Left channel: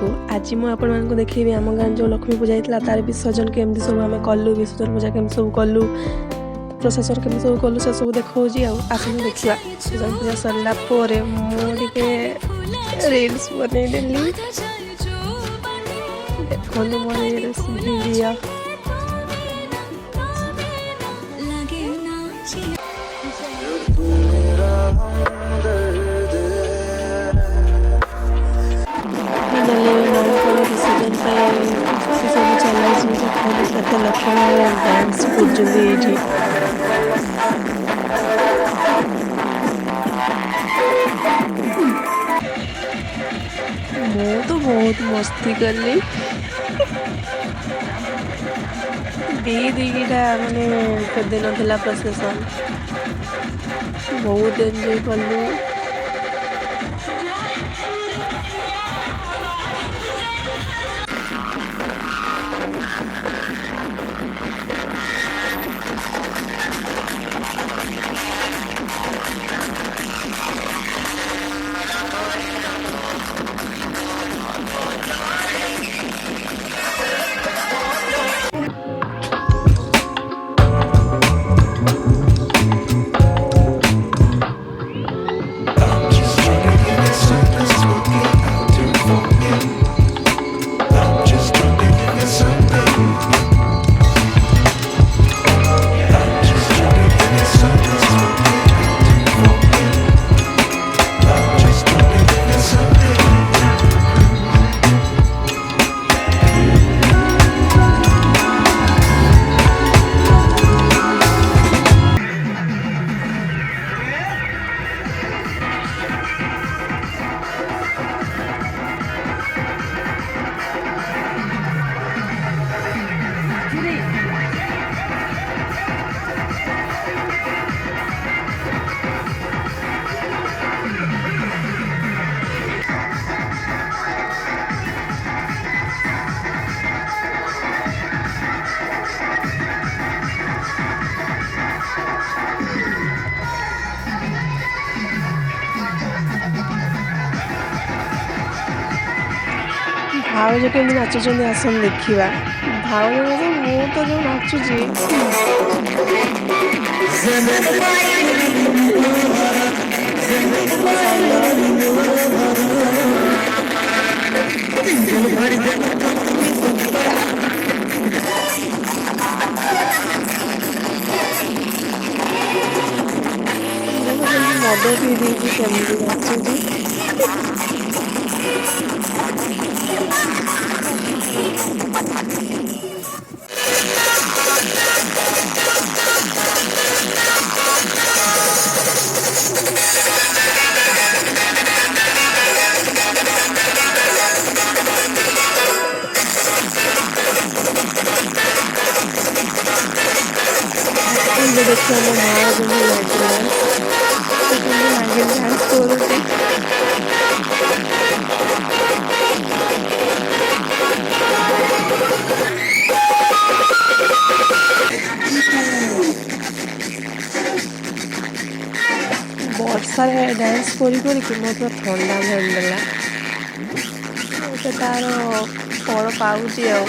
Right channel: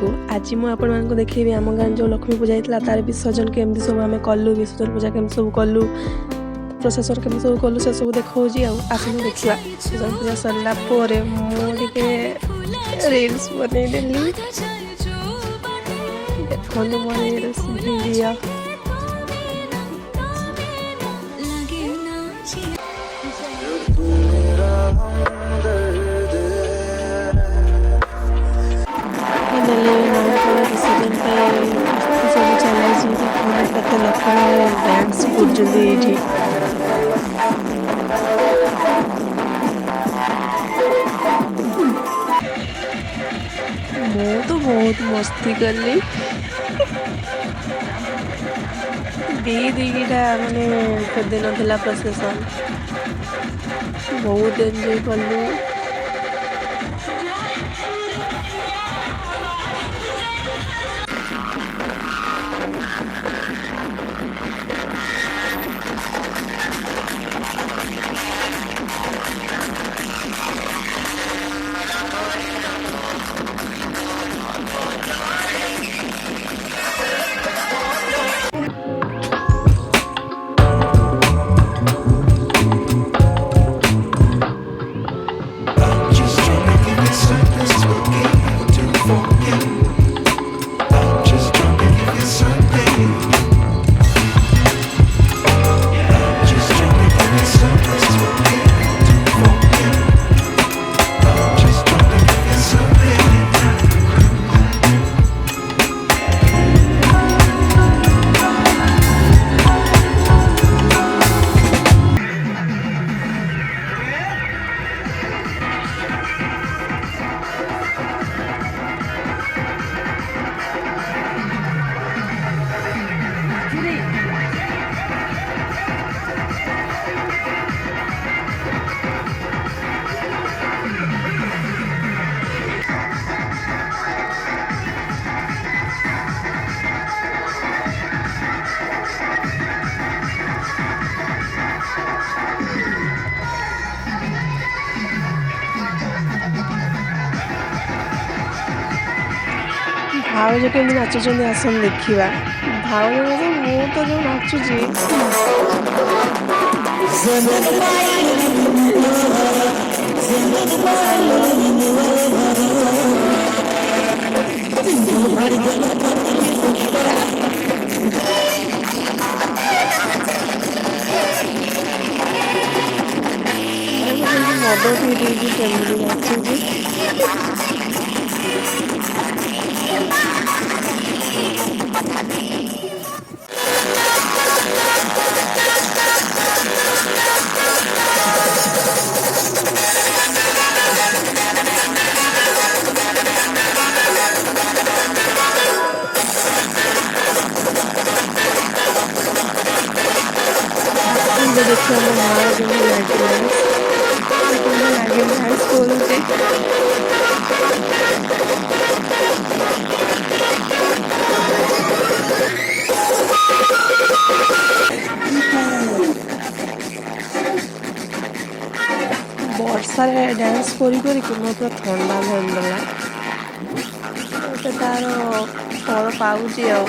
को आज मुझे देखी आम गाँव जो लक्ष्मी पूजा होता तार विसर्जन केमती सब आम कलु विसर्जन पूजा केमती सब कलु प्रशासन केमती सब कलु से सब देखा आसलु देखा विसर्जन पूजा सरला मुझे रील्स बनईदेली देखो मोर रील्स भिडियो विसर्जन सब चलाई केते लोक डांस कर मैं तो बहुत मस्ती कली दीटा माने दिन ना प्रोसेशन बहुत एंजॉय कलु भाव जो कमी नाचुंट आसन देखा भाव मु तो जो नाचुची मद पी देगी केमती नाचुची देखिए मो माँ जो नागिन डांस करुँचे वर्षार डांस करी पूरा ठंडा धरदेला तार फल पाऊँच आ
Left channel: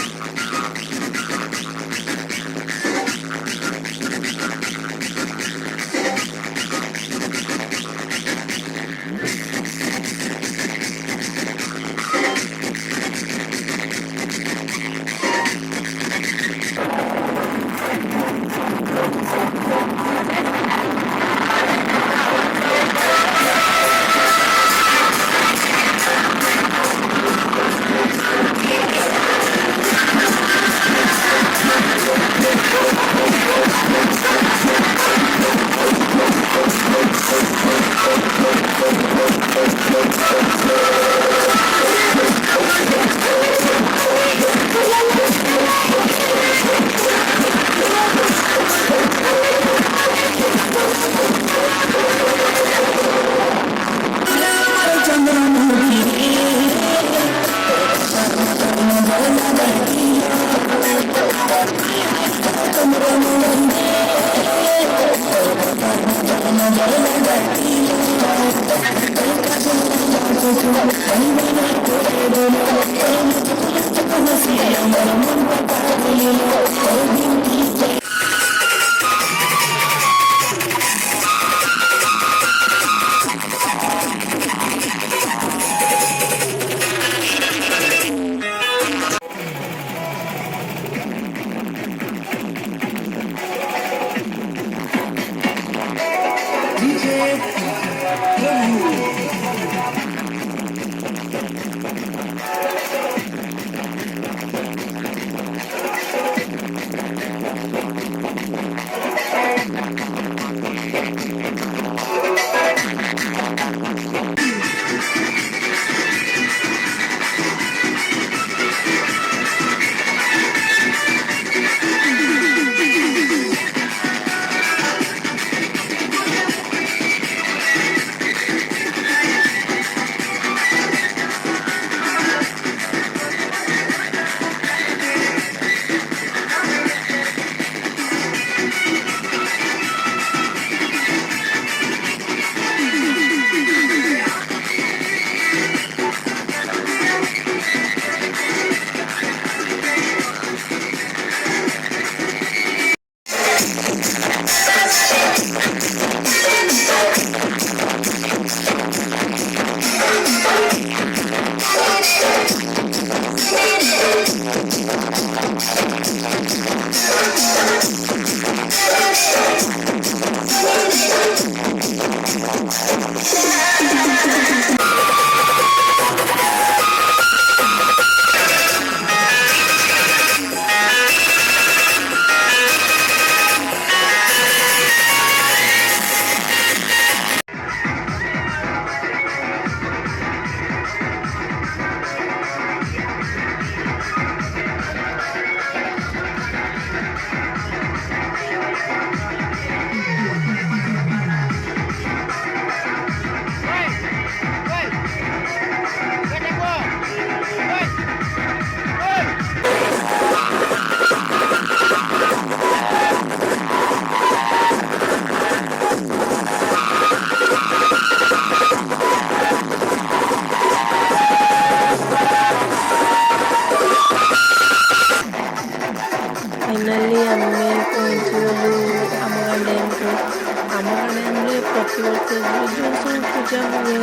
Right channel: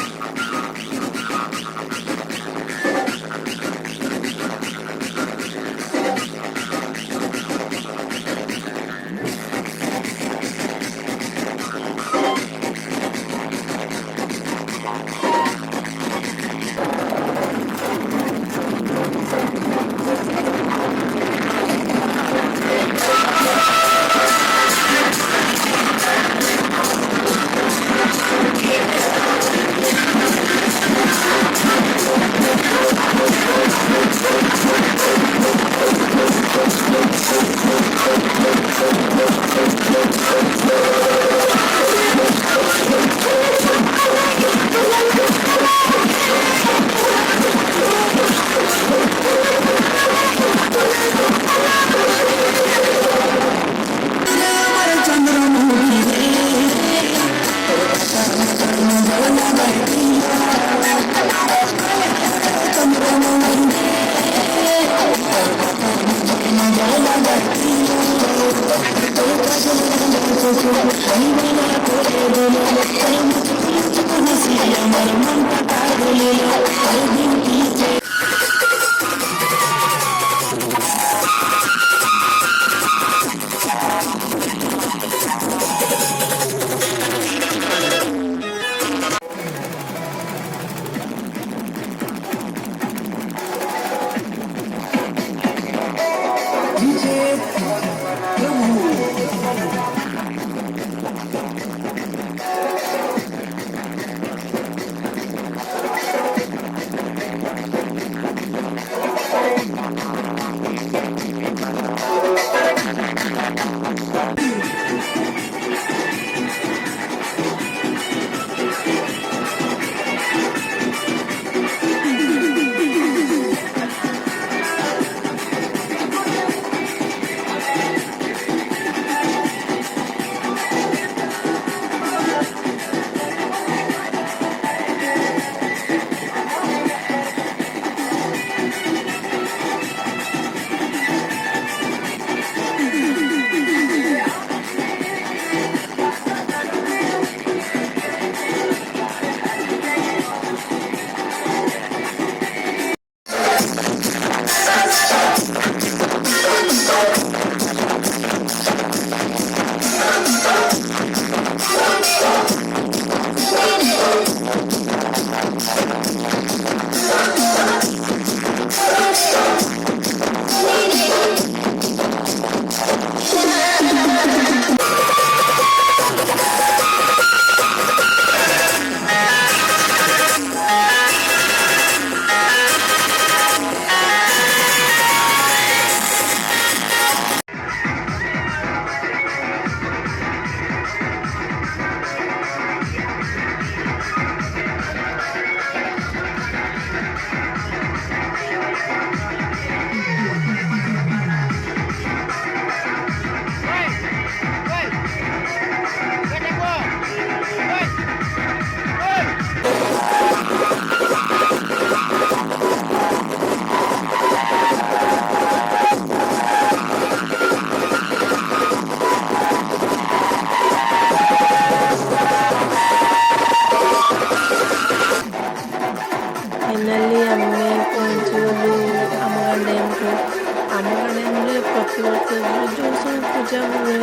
ପ୍ରତିବର୍ଷ ଯେଉଁ ସବୁ ପୂଜା ହୁଏ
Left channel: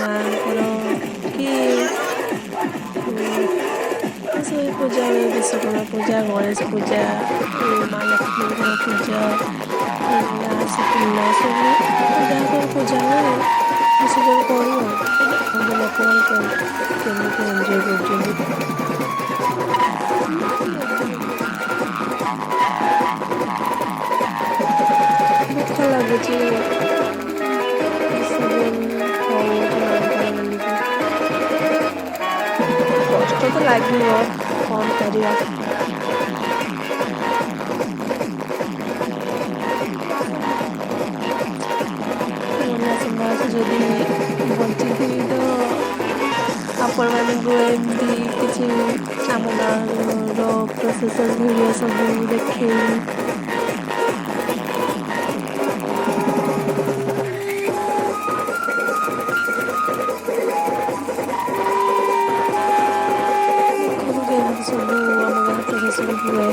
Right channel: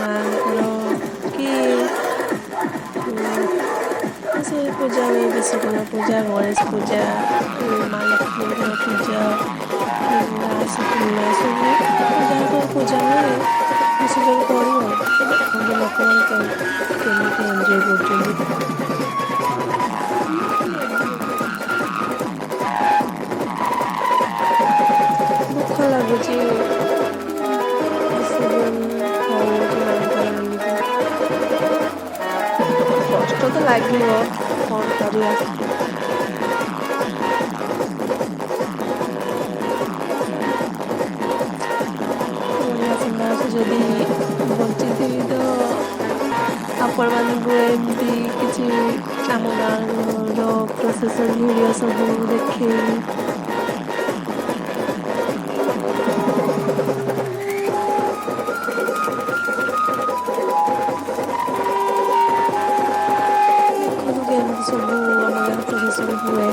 ମାଆଙ୍କର କି ଏସବୁ ପୂଜା ହୁଏ, ବିଶ୍ୱକର୍ମା ପୂଜା, ଗଣେଶ ପୂଜା, ମା ଲକ୍ଷ୍ମୀଙ୍କର ପୂଜା, ରାସ ପୂର୍ଣ୍ଣିମା, ସବୁ ଯାହା ସବୁ ପୂଜା ହୁଏ ବିସର୍ଜନ କରୁ। ଆଉ ଦେଖନ୍ତୁ ଲୋକମାନେ କେମିତି ଏନ୍ଜୟ କରୁଛନ୍ତି। ଦୁଃଖ ଲାଗୁଛି ବିସର୍ଜନ ହଉଛି ମାଆଙ୍କର ବୋଲିକି। କଷ୍ଟ ତ ଲାଗିବ, କ'ଣ କରିବା। ଓଡ଼ିଆ ସମାଜ ଯଦି ବଞ୍ଚିଥିବି ତ ଆପଣମାନଙ୍କୁ ଏମିତି କିଛି ଆମ ଗାଁର ପ୍ରସେସନ୍ ଭିଡ଼ିଓ ସବୁ ଦେଖେଇବି। ଦେଖନ୍ତୁ କେମିତି ସବୁ ଆମ ଗାଁ ପ୍ରସେସନ୍ ହୁଏ।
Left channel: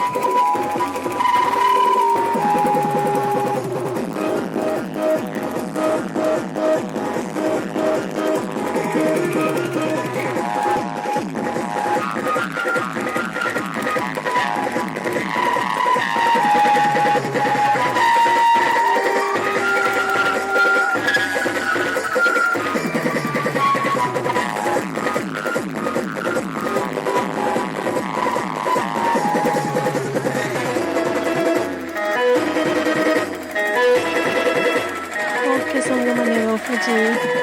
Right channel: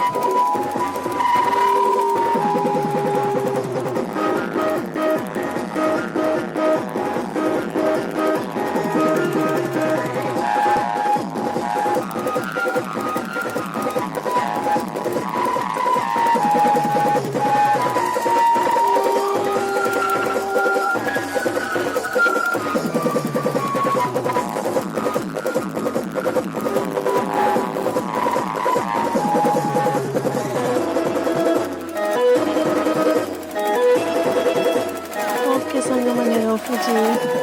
ଓକେ ସାଙ୍ଗମାନେ, ରଖୁଛି।